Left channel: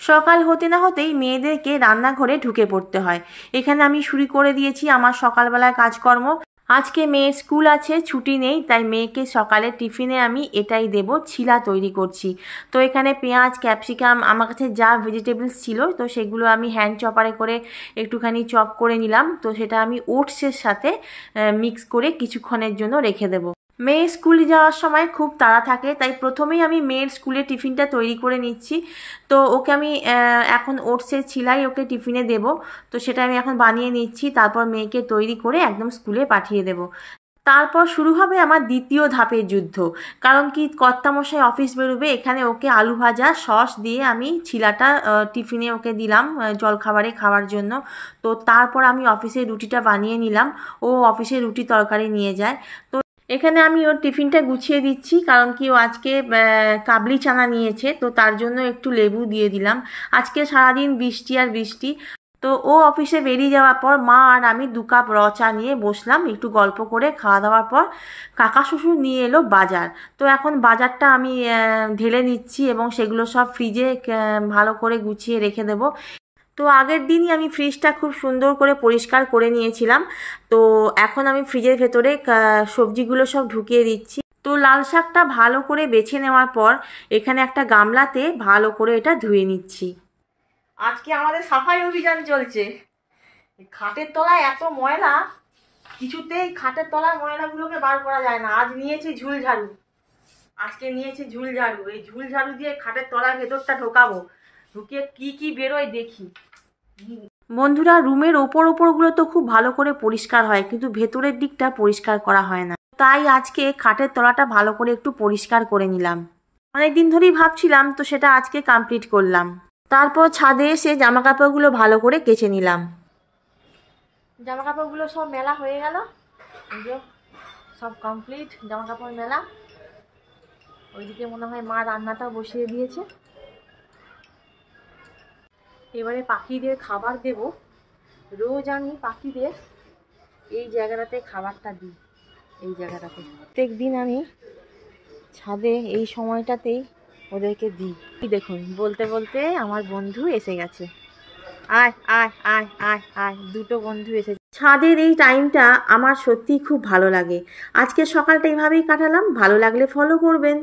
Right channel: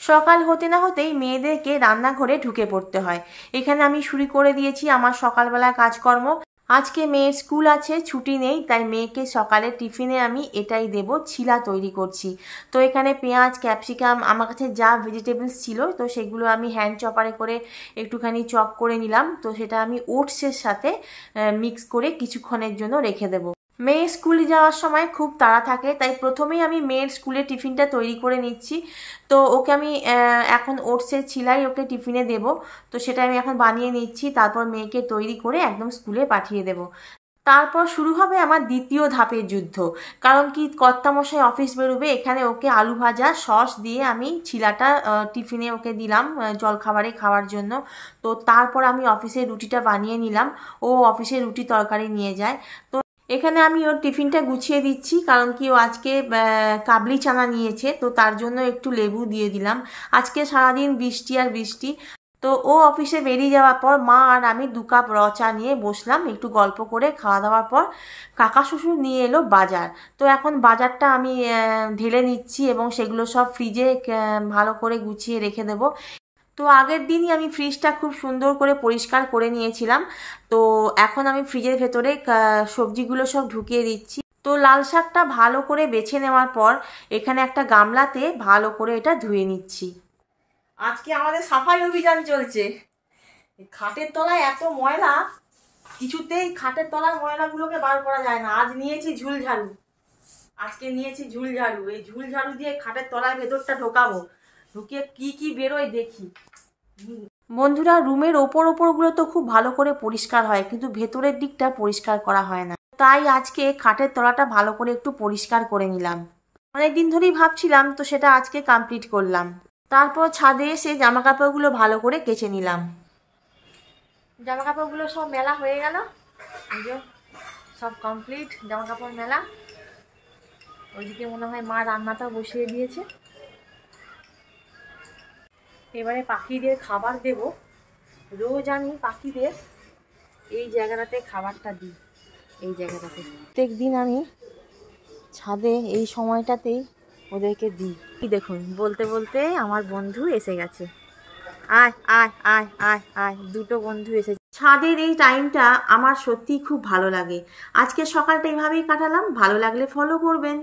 সকাল হতে না হতেই মেয়েদেরকে রান্নাঘরে ঢুকে পড়তে হয়। এখানে আমি শুরু করে দিয়েছি আমার সকালবেলার কাজকর্ম। আজকে মেয়ের স্কুল আছে, ছুটি নেই, তাই মেয়েকে সকালে টিফিনে আমি এটাই দেব, ছিলা তৈরি করছি। তো এখানে পেঁয়াজ, ক্যাপসিকাম, আমার কাছে যা ভেজিটেবলস ছিল তো সেগুলো আমি হ্যান্ড চপারে করে একটুখানি চপ করে নিলাম। তো সেটা আমি ওটসের সাথে মিক্স করে কিছুক্ষণের জন্য রেখে দেবো। মেয়ে স্কুলে যাওয়ার সময় খুব তাড়া থাকে, তাই প্রথমেই আমি মেয়ের স্কুলে টিফিনটা তৈরি করে নিচ্ছি। তো ওকে আমি এখন ওটসের ছিলাই ওকে টিফিনে দেব। তো সেটা আমি এখন বানিয়ে নিচ্ছি, তারপর মেয়েকে তৈরি করে একদম স্কুলে পাঠিয়ে দেব। তারপর শুরু হবে আমার দ্বিতীয় ধাপের যুদ্ধ। কারণ কি, কর্তামশাই অফিস বেরোবে, এখানে ওকে আলু ভাজা সস দিয়ে আমি ছিলাটা টিফিনে ওকে দিলাম জলখাবারে খাওয়ার জন্য। তো তারপর আমি অফিসে রুটিটা বানিয়ে নিলাম। ও অফিসে রুটি তরকারি নিয়ে যায়। তো এখানে আমি ওর টিফিনটা গুছিয়ে দিচ্ছি, কারণ কি ও আজকে কাবলি চানা নিয়েছে, তো তার জন্য একটু লেবু দিয়ে দিলাম। আজকে সারাদিন বৃষ্টি আর বৃষ্টি। তো ও অফিসে বেরিয়ে যাওয়ার পর মা আর আমি 2 কাপ র চা নিয়ে বসলাম একটু গল্প করে। খাওয়া দাওয়ার পর কাকা শ্বশুর নিয়ে এলো বাজার। তো এখন বাজারটা আমি ঢেলে নিচ্ছি এবং সেগুলো সব ফ্রিজে ভালো করে গুছিয়ে রেখে দেবো। তো আগের দিনই আমি ফ্রিজটা খুব সুন্দর করে পরিষ্কার করে নিয়েছিলাম। তো এখন আমি ফ্রিজের ভেতরে সবজিগুলো সব ঢুকিয়ে দিচ্ছি। তো লাল শাকটা ভালো করে বেছে নেওয়ার পর এখানে একটা গামলাতে ভালো করে এটা ধুয়ে নিচ্ছি। আজকে আমাদের সাফাই অভিযান চলছে। খাটের তলায় এত ময়লা, কিছুতেই খাটের তলার ময়লাগুলোকে বার করা যায় না। আজ নিয়েছি ঝুল ঝাড়ু, এই ঝুল ঝাড়ু দিয়ে খাটের তলার ভেতরটা ঢোকাবো, ঢুকিয়ে কি কি বেরোয় দেখি। বন্ধুরা, রুমের ওপরগুলো তো খুব ভালো করে পরিষ্কার হয়, কিন্তু ভেতরের দিকটা পরিষ্কার করা হয় না। তাই আজকে খাটের তলাটা ভালো করে একটু পরিষ্কার করে নিলাম। অনেকদিন ধরেই ভাবছিলাম, তো সেটা আজকে কমপ্লিট করলাম। তারপর ছাদে এসে জামা কাপড়গুলো ভালো করে কেচে নিলাম। জামা কাপড়গুলো সব মেলা হয়ে গেল, সব কমপ্লিট জামা কাপড় মেলা। ওইদিকে মনে হয় মা রান্নাটা বসিয়ে দিয়েছে। এবারে পাখিদের খাবার দেব। রোজ আমি পাখিদের এই জায়গাটাতে খাবারটা দিই, এই জায়গাটাতে প্রত্যেক দিন আমি ছাদে এই সময়টাতেই ওদেরকে দিই। দেখুন, বলতে বলতে আমার বন্ধু এসে গেছে। আয় আয় আয় আয় আয়, 2টো বন্ধু এসেছে। ছাদের এই টাইমটা আমার সত্যিই খুব ভালো লাগে। আজকে সকালটা এইভাবেই কাটালাম। ভালো লাগলে ফলো করবেন।